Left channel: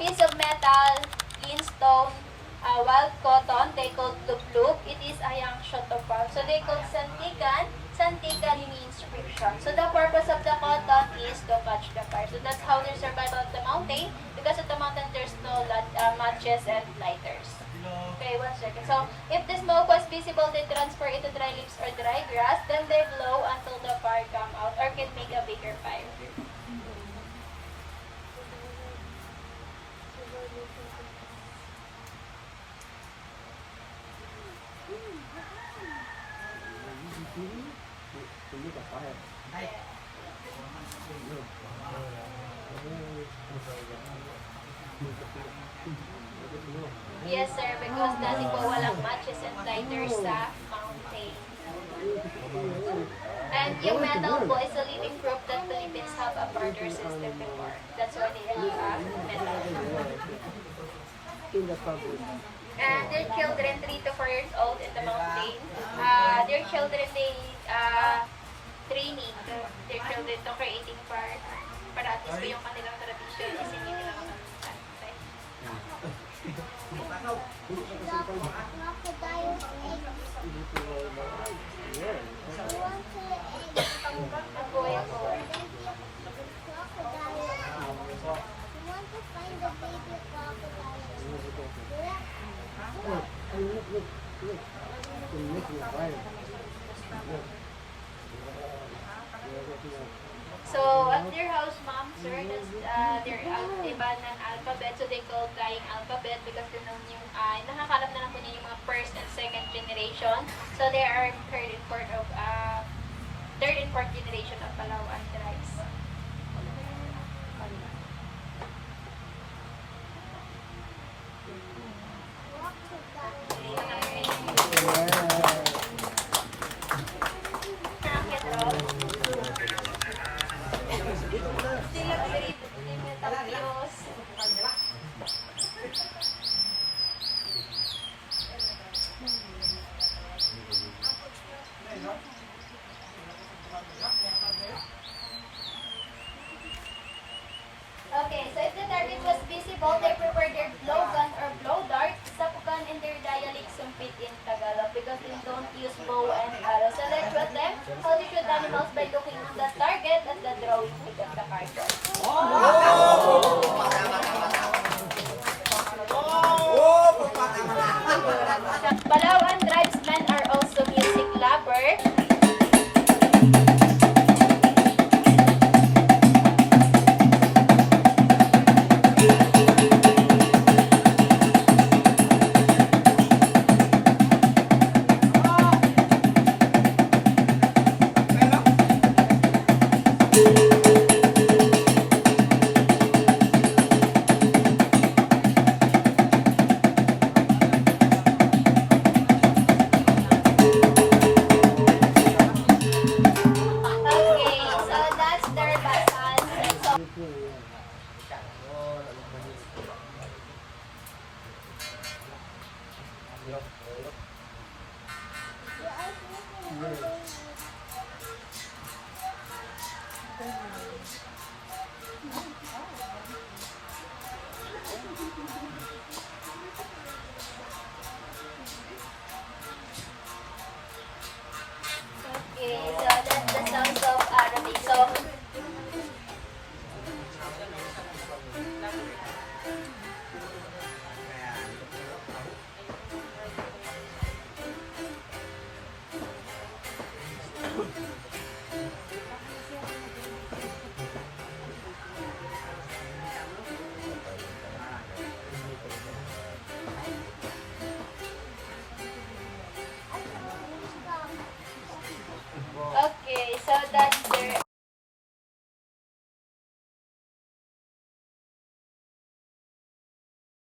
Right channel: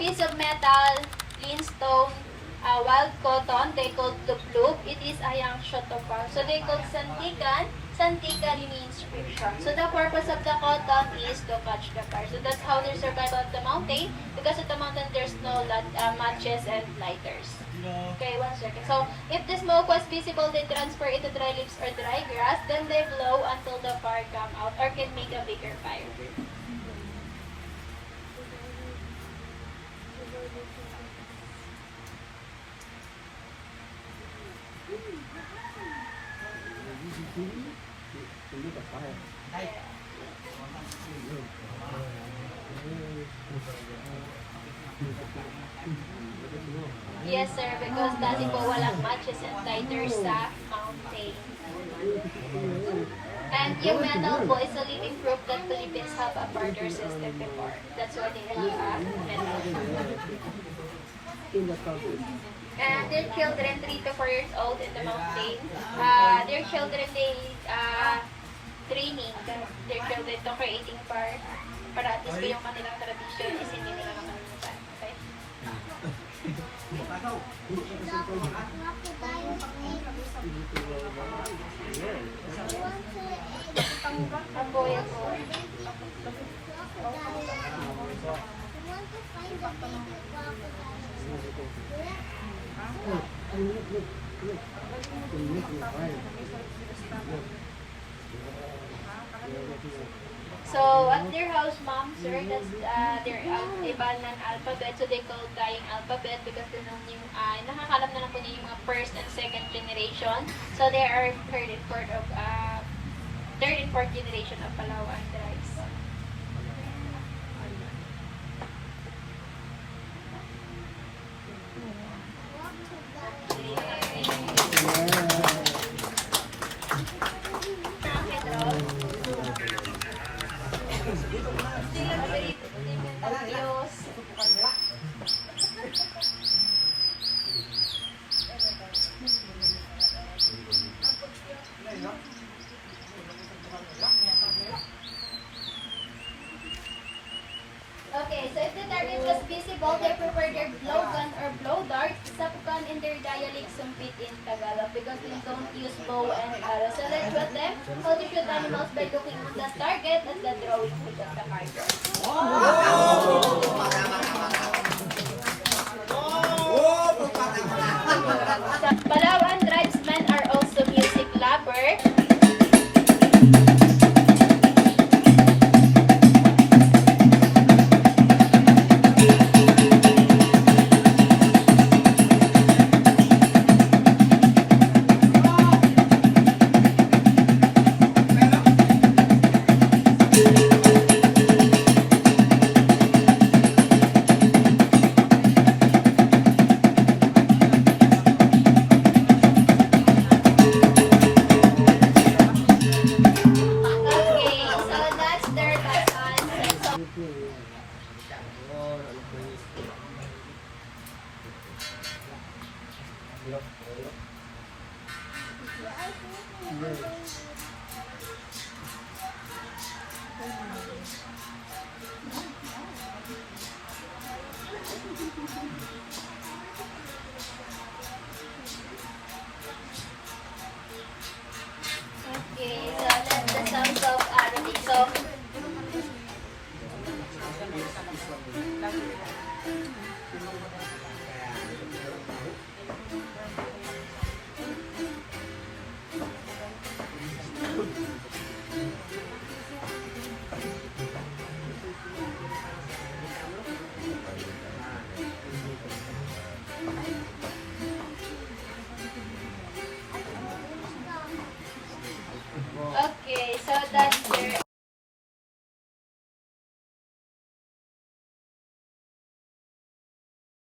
piece of metal, lean stone, wild cotton, they called luplub. It is a young shotopal. So they called santikan. Santikan means friction. So the purpose of the cotton is to catch the fire. So that's how they survive on the mountain. Because of the mountain, there's no matches and lighters. Okay, 1 second. So if the smoke was visible, they transfer it to dry leaves or dry grass. Then they blow until the fire come out or can make a bigger fire. Yes, sir, because dati po walang matches and lighters sa mountain. And yung metal po is a living proof that Philippines have a barter system before. That's why they have metal. And their children, 3 to 4 years old in the mountain, their children, they training their children to creating fire para at least po yung kanilang tradition is hindi nila makalimutan. Okay? Apoy. So at their house, mom, sir, that's their Ibanan alphabet. So they call dying alphabet because they know yung nakakalam na lang po niya yung mga first and second generation. So they are third and fourth generation of Palawan tribes. Okay, so if the target was visible, they prefer their blowgun or blow dart, sapukan in their dialect sumpit in Tagalog because they don't use bow and arrow. So let's shoot them. How to shoot animals by looking on the target at the drawing of the target. Sa Palawan